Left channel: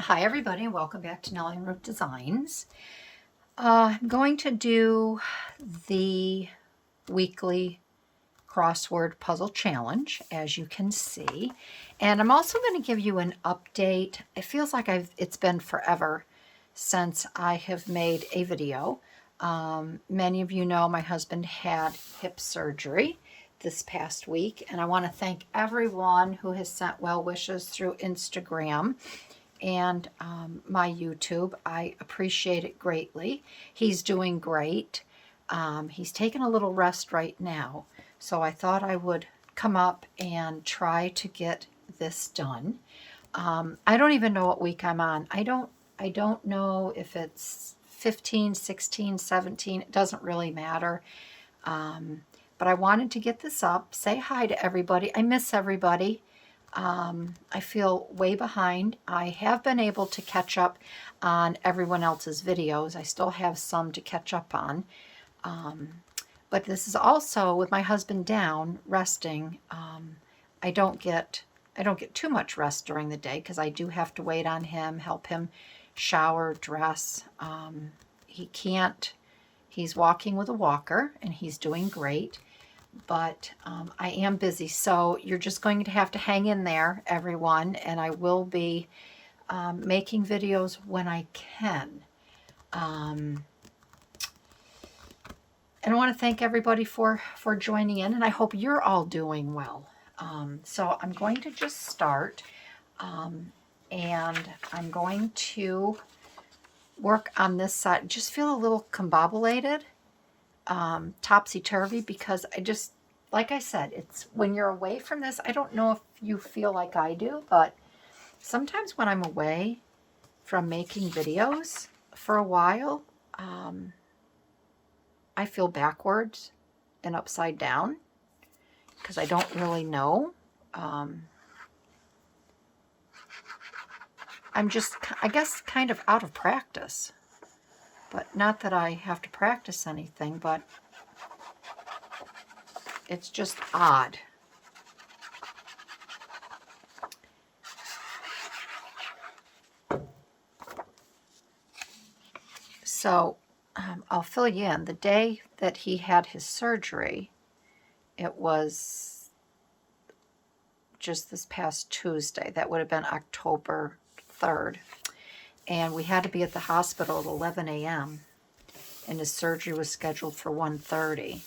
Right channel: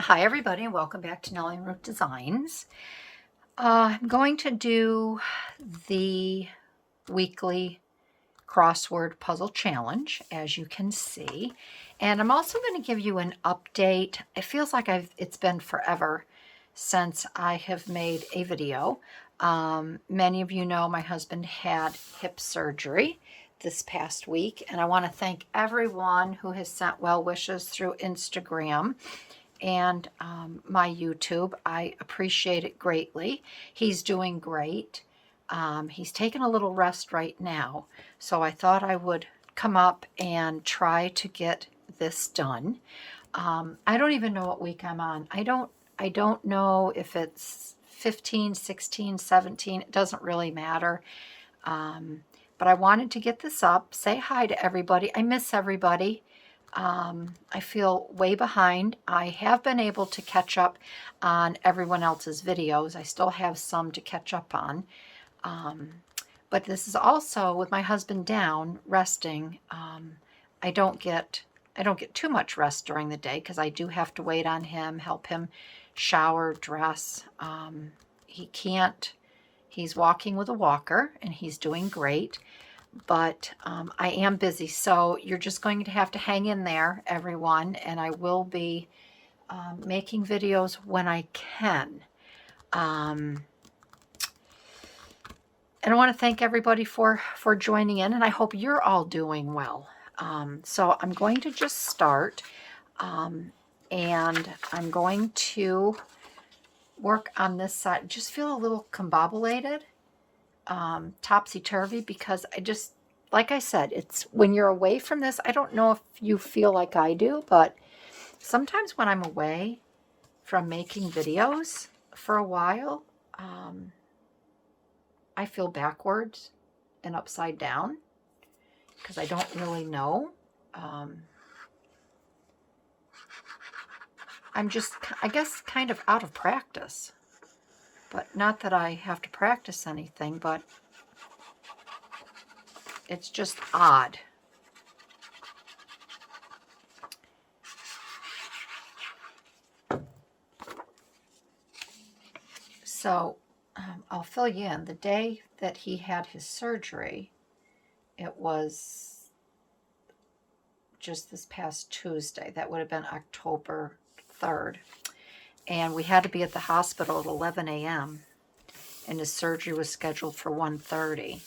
Hi everybody, and welcome back to Nellie and Ruth Designs. I'm going to do the weekly crossword puzzle challenge, as you can see. And I'm also going to give you an update. It feels like it's been forever since I have made a video. Many of you know my husband had hip surgery this past week, and I want to thank everyone who has sent well wishes through Instagram and my YouTube. I appreciate it greatly. He's doing great. He's taking a little rest right now, so I thought I would come up and try to get this done. I don't even know what week I'm on. I don't know if it's 15, 16, 17. It doesn't really matter. But I wanted to get this up, say hi to everybody. I miss everybody. I feel way behind. I have been able to catch up on everyone else's videos. I still have some to catch up on. But this is also with my husband down resting. I don't get too much rest during the day because I do have to wait on him, help him shower, dress. He's walking with a walker and he's doing great. But I am busy, so you're just going to have to hang in there, everyone, and I will be making videos when I can. And I want to thank everybody for joining in, and I hope you're all doing well. So I'm going to just start, and I'm going to work on this side. Just feel a little combobulated. Topsy-turvy, because like I said, it's when you're away from this, I don't know if you feel like I do, but sometimes when I'm away from making videos for a while, I feel backwards and upside down because I don't really know. I'm just, I guess, kind of out of practice. But not that I have to practice anything, but it's just odd. So I'll fill you in. The day that he had his surgery, it was just this past Tuesday. That would have been October 3rd. And we had to be at the hospital at 11 a.m. and his surgery was scheduled for 1:30.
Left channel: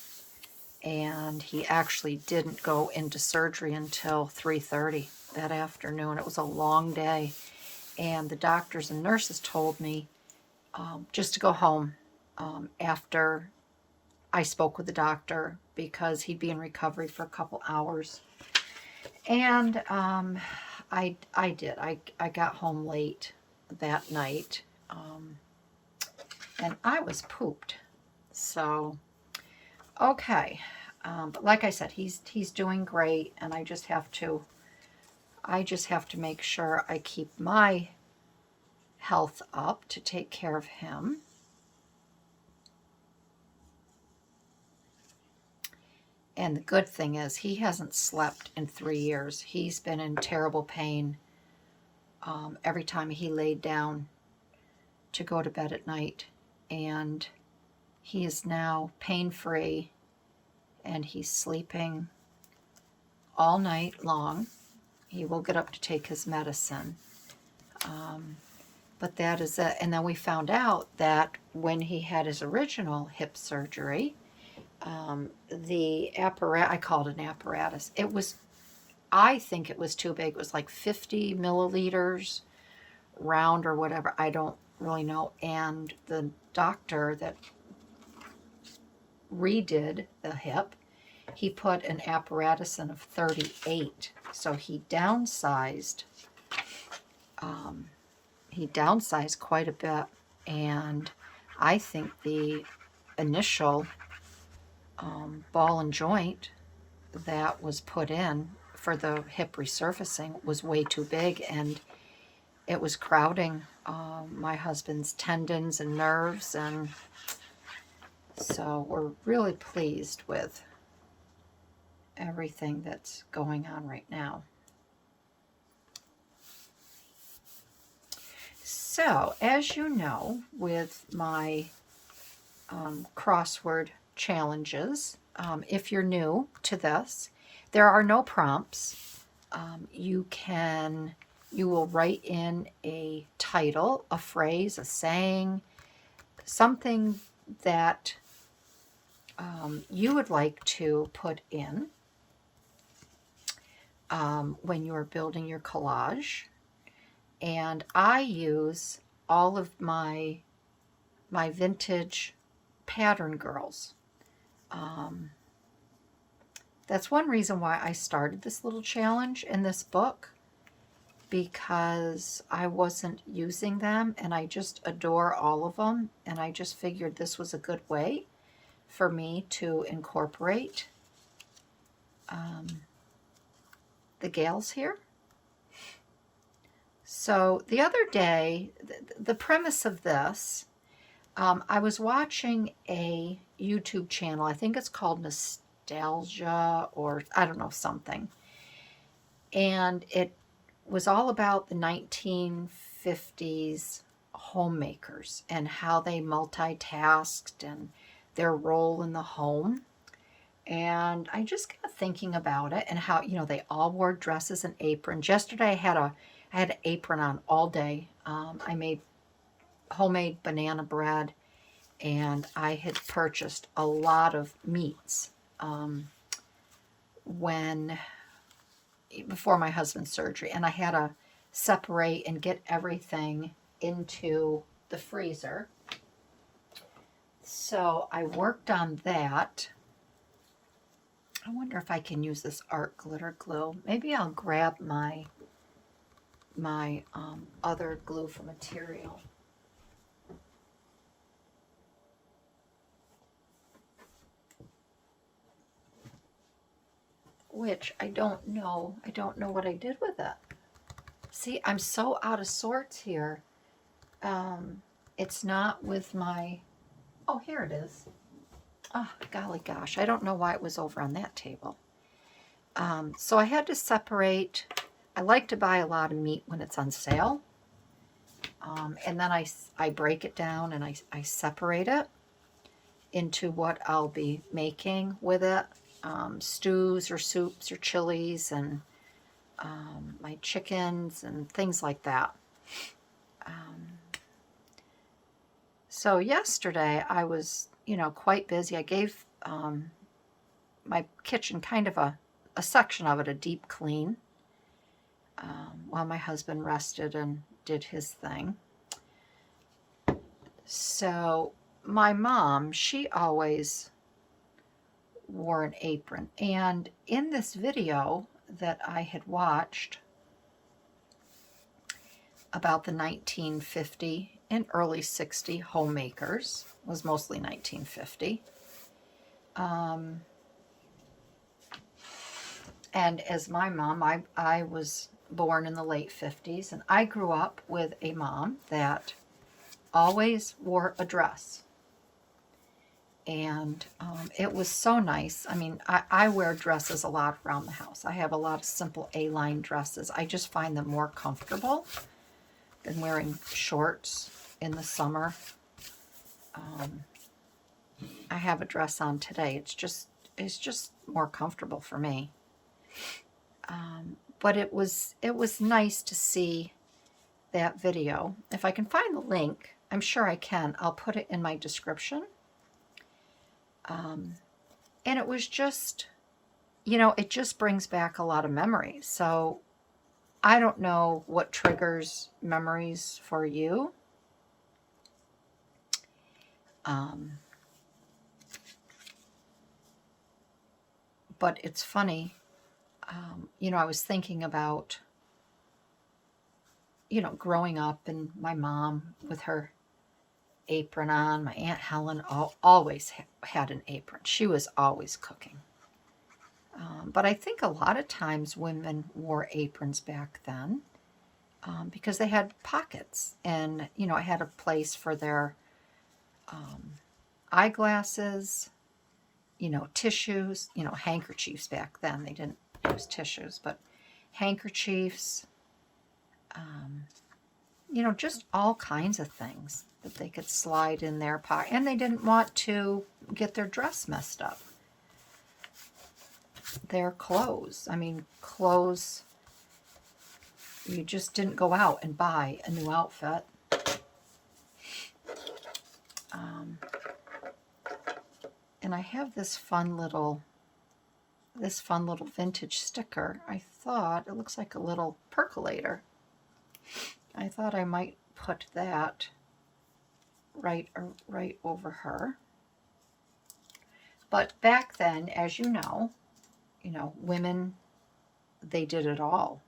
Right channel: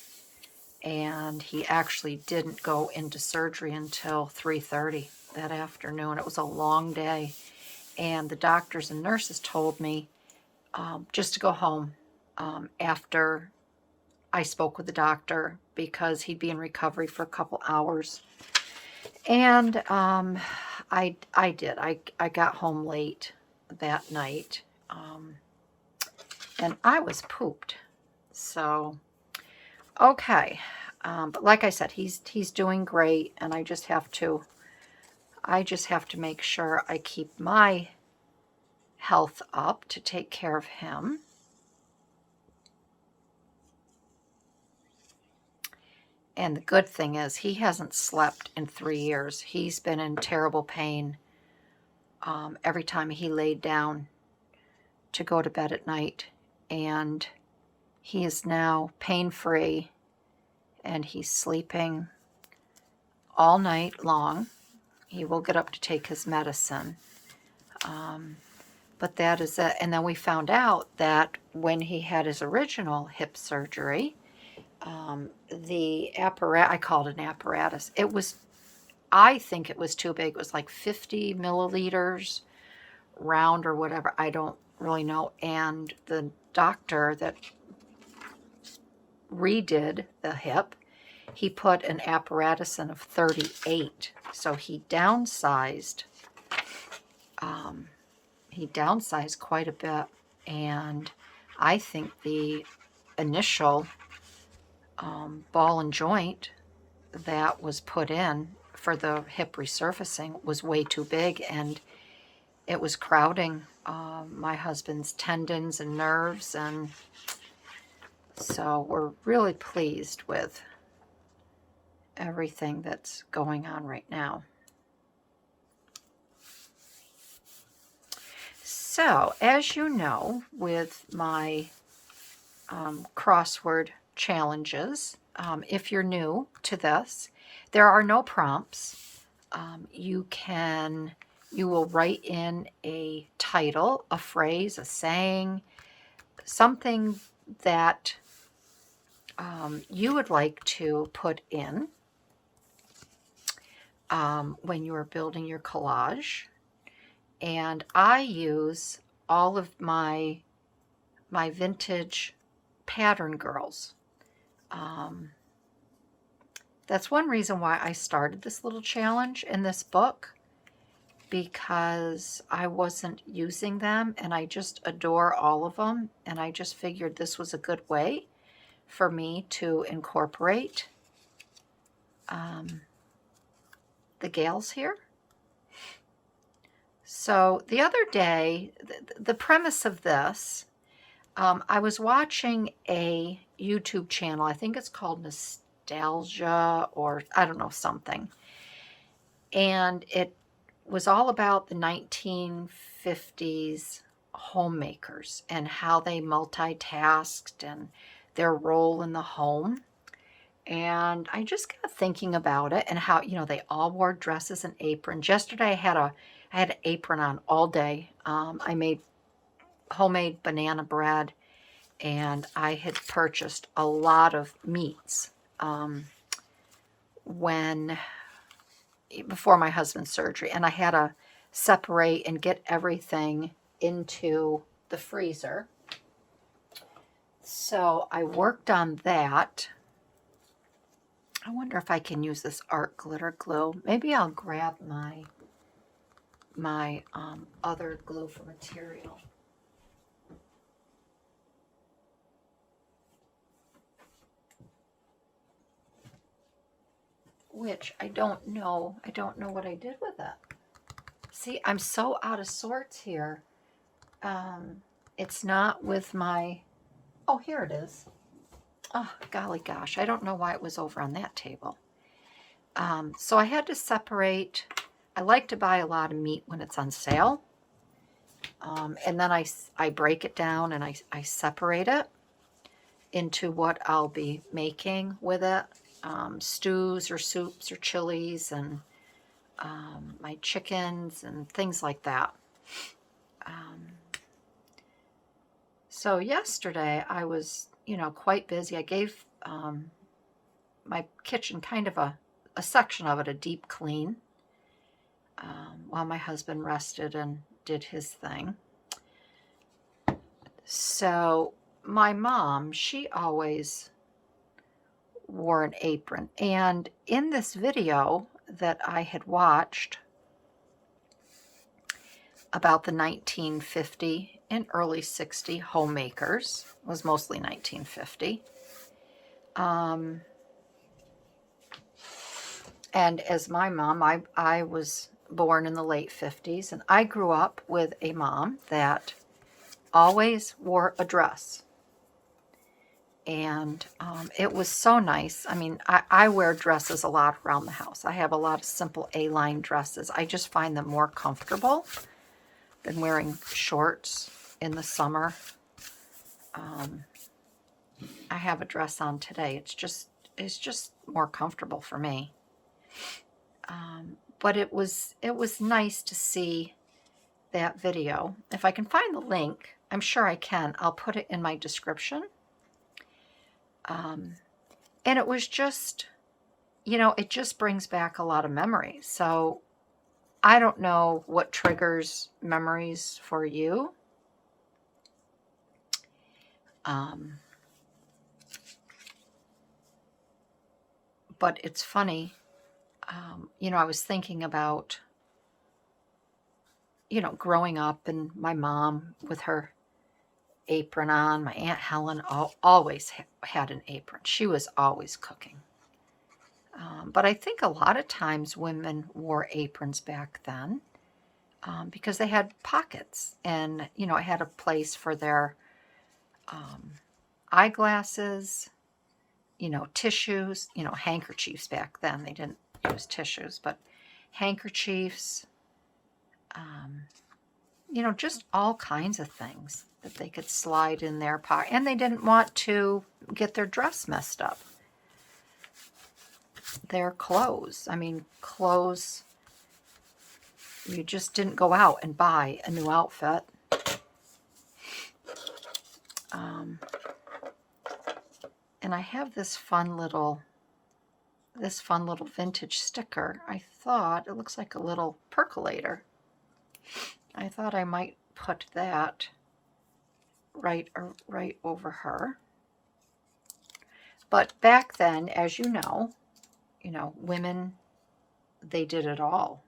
And he actually didn't go into surgery until 3:30 that afternoon. It was a long day. And the doctors and nurses told me just to go home after I spoke with the doctor because he'd be in recovery for a couple hours. And I did. I got home late that night, and I was pooped. So, okay. But like I said, he's doing great, and I just have to make sure I keep my health up to take care of him. And the good thing is he hasn't slept in 3 years. He's been in terrible pain every time he laid down to go to bed at night. And he is now pain-free, and he's sleeping all night long. He will get up to take his medicine. But that is it. And then we found out that when he had his original hip surgery, the apparatus, I called it an apparatus, I think it was too big. It was like 50 milliliters round or whatever. I don't really know. And the doctor that redid the hip, he put an apparatus in of 38. So he downsized. He downsized quite a bit. And I think the initial ball and joint that was put in for the hip resurfacing was way too big, and it was crowding my husband's tendons and nerves, and so we're really pleased with everything that's going on right now. So, as you know, with my crossword challenges, if you're new to this, there are no prompts. You will write in a title, a phrase, a saying, something that you would like to put in when you are building your collage. And I use all of my vintage pattern girls. That's one reason why I started this little challenge in this book, because I wasn't using them and I just adore all of them, and I just figured this was a good way for me to incorporate the gals here. So the other day, the premise of this, I was watching a YouTube channel. I think it's called Nostalgia, or I don't know, something. And it was all about the 1950s homemakers and how they multitasked and their role in the home. And I just got thinking about it and how, they all wore dresses and aprons. Yesterday I had an apron on all day. I made homemade banana bread, and I had purchased a lot of meats before my husband's surgery, and I had to separate and get everything into the freezer. So I worked on that. I wonder if I can use this art glitter glue. Maybe I'll grab my other glue for material. Which I don't know. I don't know what I did with it. See, I'm so out of sorts here. It's not with my... Oh, here it is. Oh, golly gosh. I don't know why it was over on that table. So I had to separate. I like to buy a lot of meat when it's on sale. And then I break it down and I separate it into what I'll be making with it. Stews or soups or chilies, and my chickens and things like that. So yesterday I was, quite busy. I gave my kitchen kind of a section of it a deep clean while my husband rested and did his thing. So my mom, she always wore an apron. And in this video that I had watched about the 1950 and early 60 homemakers, it was mostly 1950. And as my mom, I was born in the late 50s, and I grew up with a mom that always wore a dress. And it was so nice. I mean, I wear dresses a lot around the house. I have a lot of simple A-line dresses. I just find them more comfortable than wearing shorts in the summer. I have a dress on today. It's just more comfortable for me. But it was nice to see that video. If I can find the link, I'm sure I can. I'll put it in my description. And it was just, it just brings back a lot of memories. So I don't know what triggers memories for you. But it's funny, I was thinking about, growing up and my mom with her apron on. My Aunt Helen always had an apron. She was always cooking. But I think a lot of times women wore aprons back then because they had pockets, and, it had a place for their eyeglasses, tissues, handkerchiefs back then. They didn't use tissues, but handkerchiefs, you know, just all kinds of things that they could slide in their pocket. And they didn't want to get their dress messed up. Their clothes. I mean, clothes, you just didn't go out and buy a new outfit. And I have this fun little vintage sticker. I thought it looks like a little percolator. I thought I might put that right over her. But back then, as you know, women, they did it all.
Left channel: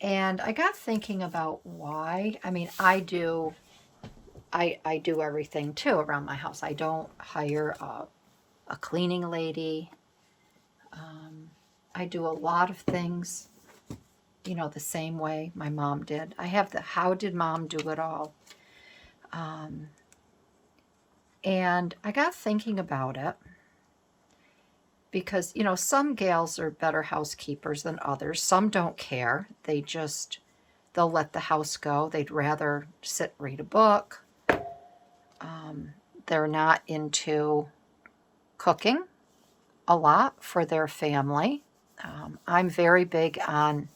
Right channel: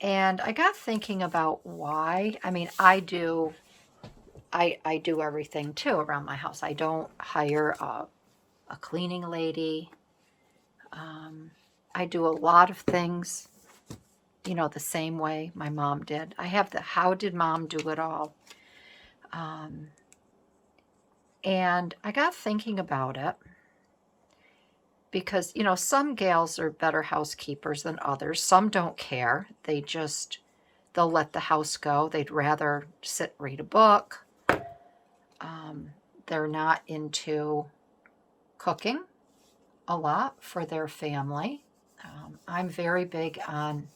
And I got thinking about why. I mean, I do everything too around my house. I don't hire a cleaning lady. I do a lot of things, the same way my mom did. I have the how did mom do it all? And I got thinking about it because, some gals are better housekeepers than others. Some don't care. They'll let the house go. They'd rather sit, read a book. They're not into cooking a lot for their family. I'm very big on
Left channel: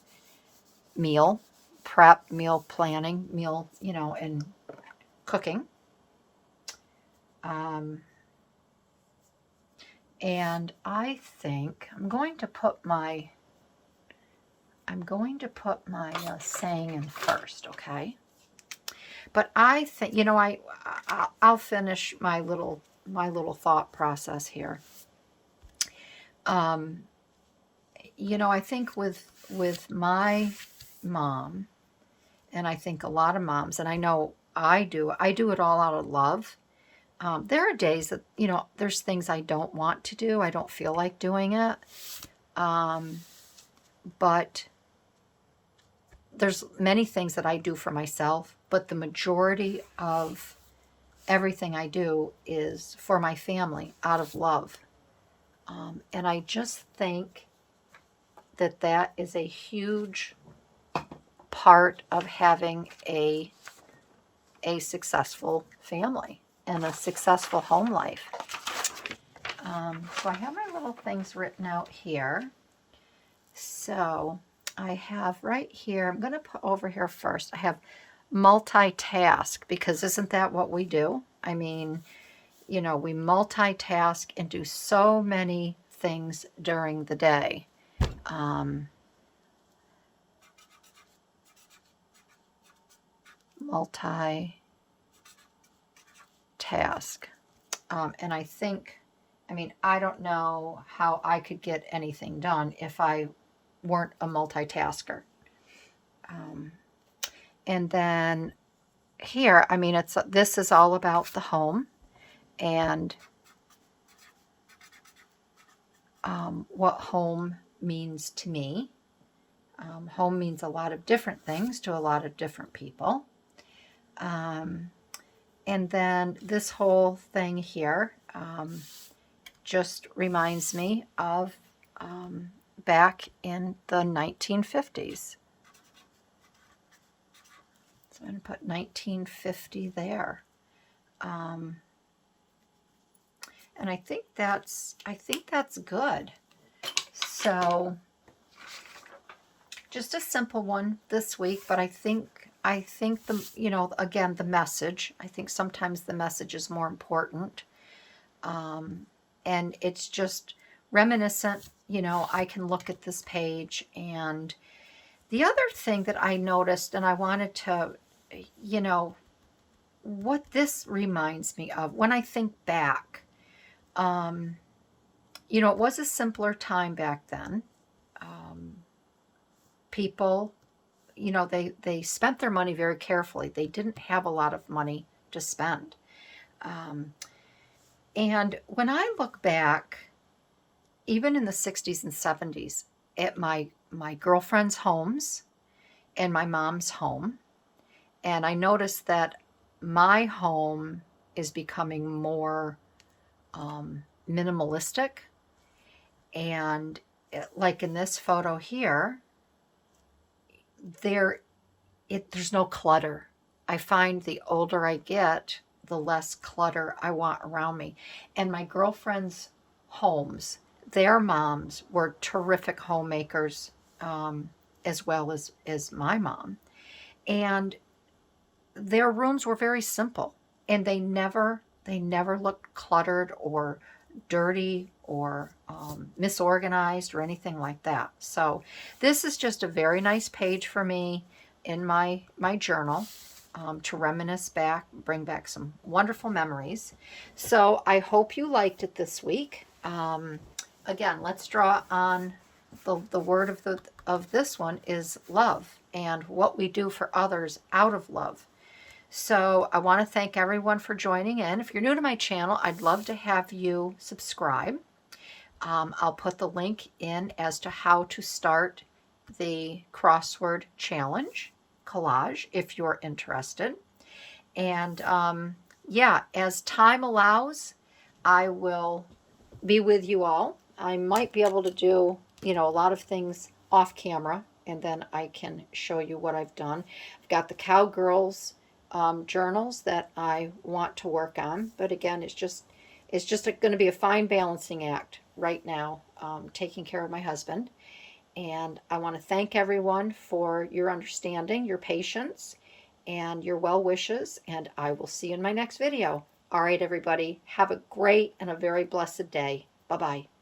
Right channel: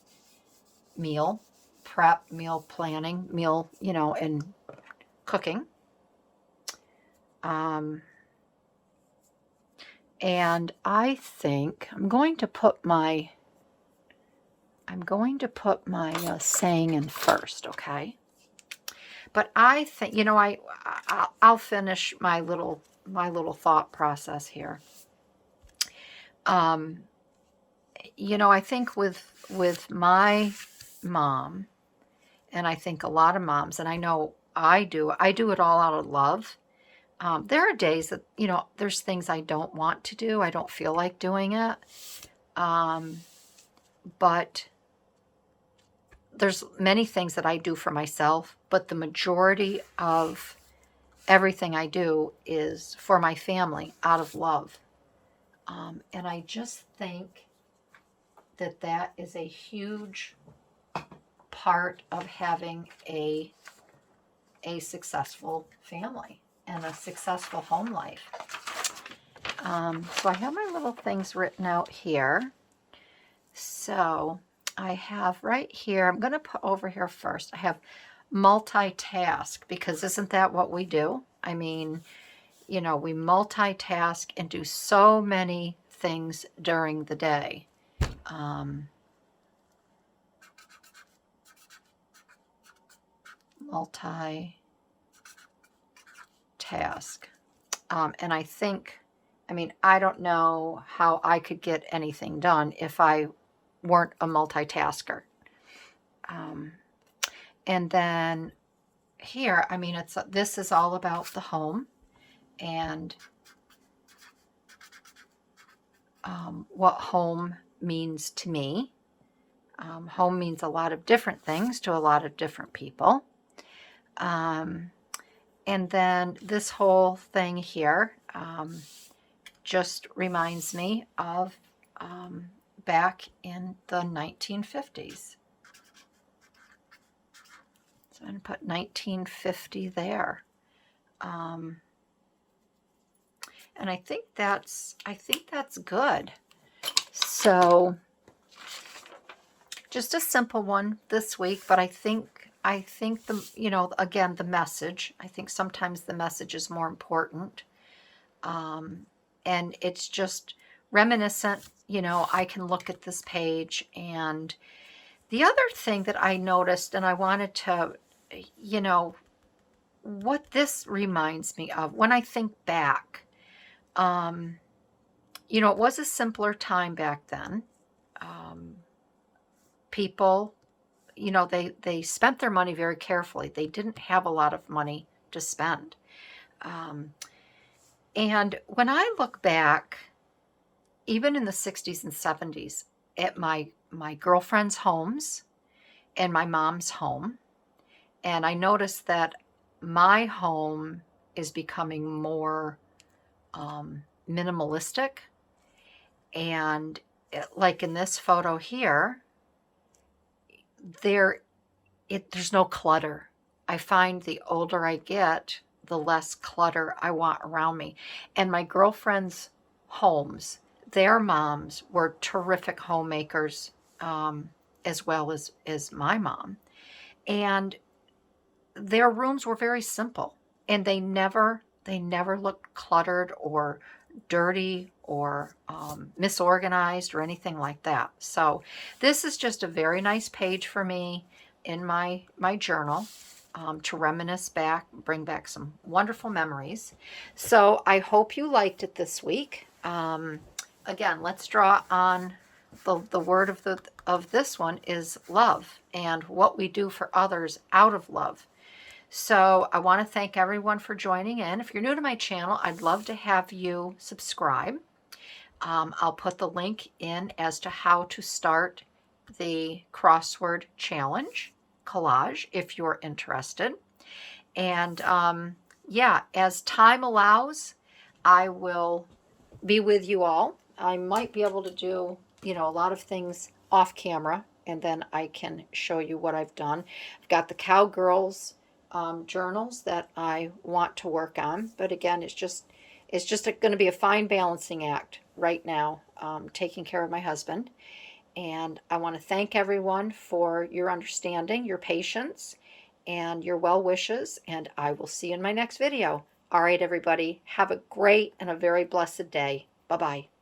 meal prep, meal planning, and cooking. And I think I'm going to put my saying in first, okay? But I think, I'll finish my little thought process here. I think with my mom, and I think a lot of moms, and I know I do it all out of love. There are days that, there's things I don't want to do. I don't feel like doing it. But there's many things that I do for myself, but the majority of everything I do is for my family out of love. And I just think that is a huge part of having a successful family and a successful home life. So I have my little things written out here. So I have right here, I'm going to put over here first, I have multitask, because isn't that what we do? I mean, we multitask and do so many things during the day. Multitask. And I think, I don't know how I could get anything done if I weren't a multitasker. And then here, this is all about the home and what home means to me. Home means a lot of different things to a lot of different people. And then this whole thing here just reminds me of back in the 1950s. So I'm going to put 1950 there. And I think that's good. So just a simple one this week, but I think the, again, the message, I think sometimes the message is more important. And it's just reminiscent, I can look at this page. And the other thing that I noticed, and I wanted to, what this reminds me of when I think back, it was a simpler time back then. People, they spent their money very carefully. They didn't have a lot of money to spend. And when I look back, even in the 60s and 70s, at my girlfriends' homes and my mom's home, and I noticed that my home is becoming more minimalistic. And like in this photo here, there's no clutter. I find the older I get, the less clutter I want around me. And my girlfriends' homes, their moms were terrific homemakers, as well as my mom. And their rooms were very simple, and they never looked cluttered or dirty or misorganized or anything like that. So this is just a very nice page for me in my journal, to reminisce back, bring back some wonderful memories. So I hope you liked it this week. Again, let's draw on the word of this one is love, and what we do for others out of love. So I want to thank everyone for joining in. If you're new to my channel, I'd love to have you subscribe. I'll put the link in as to how to start the crossword challenge collage if you're interested. And yeah, as time allows, I will be with you all. I might be able to do, a lot of things off camera, and then I can show you what I've done. I've got the Cowgirls journals that I want to work on, but again, it's just going to be a fine balancing act right now, taking care of my husband. And I want to thank everyone for your understanding, your patience, and your well wishes, and I will see you in my next video. All right, everybody, have a great and a very blessed day. Bye-bye.